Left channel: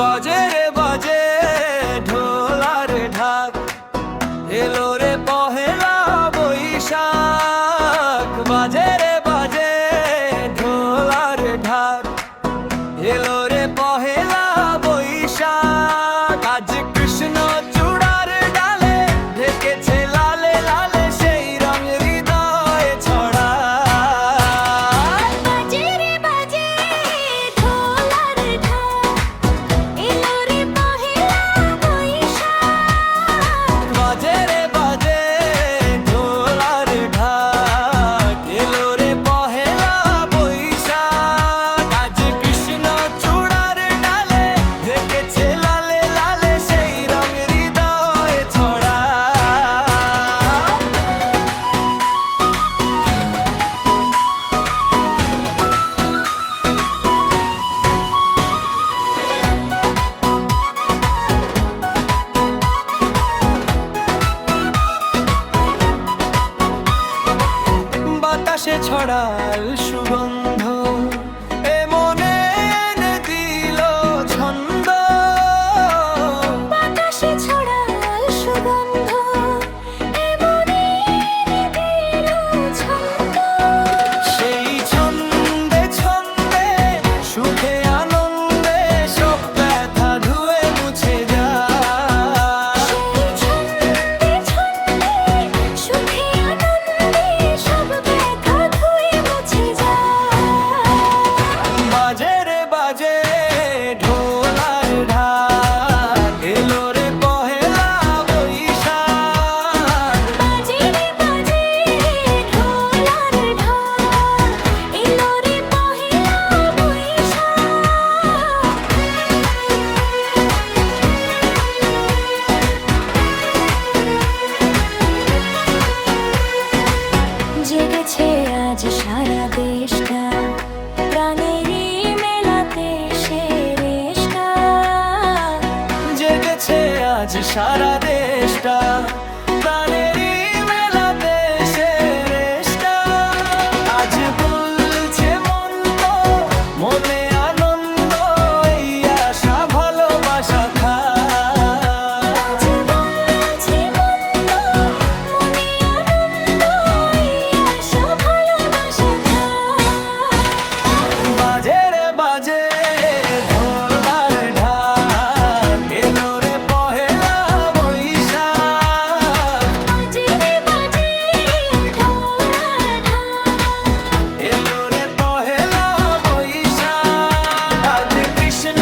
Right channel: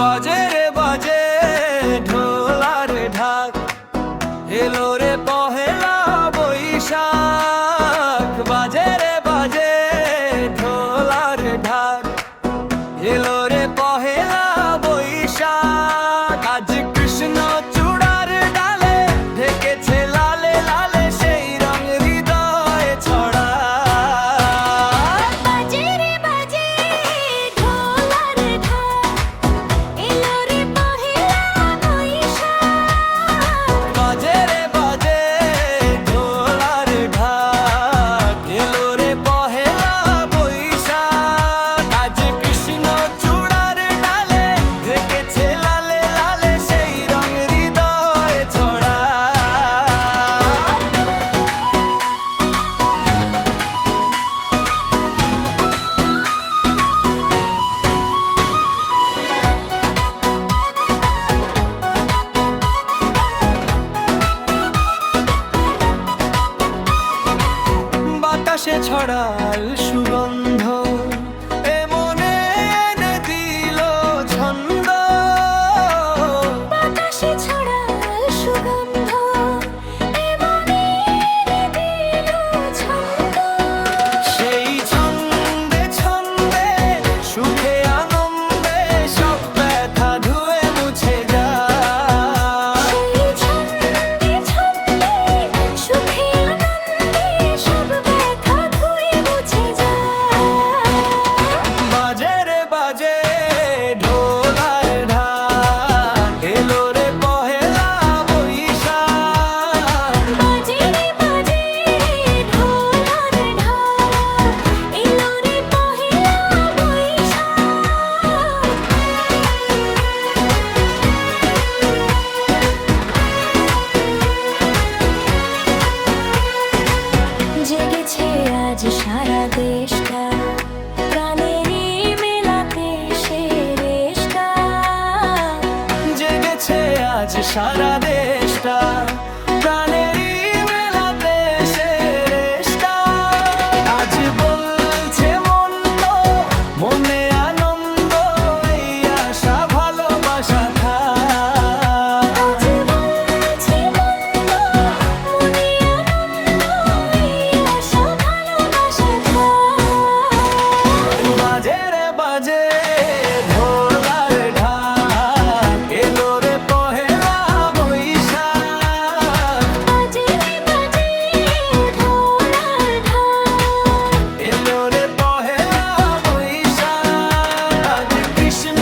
বাজে রে বাজে ঢোল আর ঢাক, এলো রে পহেলা বৈশাখ। বাজে রে বাজে ঢোল আর ঢাক, এলো রে পহেলা বৈশাখ। আজ কৃষ্ণ চূড়ার ডালে ঢেকেছে লালে লালে সেই রং হৃদয়ে ছড়া। বাজে রে বাজে ঢোল আর ঢাক, এলো রে পহেলা বৈশাখ। বাজে রে বাজে ঢোল আর ঢাক, এলো রে পহেলা বৈশাখ। আজ কৃষ্ণ চূড়ার ডালে ঢেকেছে লালে লালে সেই রং হৃদয়ে ছড়া। বাতাসে ছড়াল সুগন্ধ, এ মনে এনে দিল ছন্দ। বাতাসে ছড়াল সুগন্ধ, এ মনে এনে দিল ছন্দ। সেই ছন্দে ছন্দে সুখে আনন্দে সব ব্যথা ধুয়ে মুছে যায়। সেই ছন্দে ছন্দে সুখে আনন্দে সব ব্যথা ধুয়ে মুছে যায়। বাজে রে বাজে ঢোল আর ঢাক, এলো রে পহেলা বৈশাখ। বাজে রে বাজে ঢোল আর ঢাক, এলো রে পহেলা বৈশাখ। জেগেছে আজ সারা দেশটা, প্রাণেরই মেলাতে সে রেশটা। জেগেছে আজ সারা দেশটা, প্রাণেরই মেলাতে সে রেশটা। আজ বলছে মন তো মনে আনন্দ, এই আশা ভালোবাসা থাক। আজ বলছে মন তো মনে আনন্দ, এই আশা ভালোবাসা থাক। বাজে রে বাজে ঢোল আর ঢাক, এলো রে পহেলা বৈশাখ। বাজে রে বাজে ঢোল আর ঢাক, এলো রে পহেলা বৈশাখ। আজ কৃষ্ণ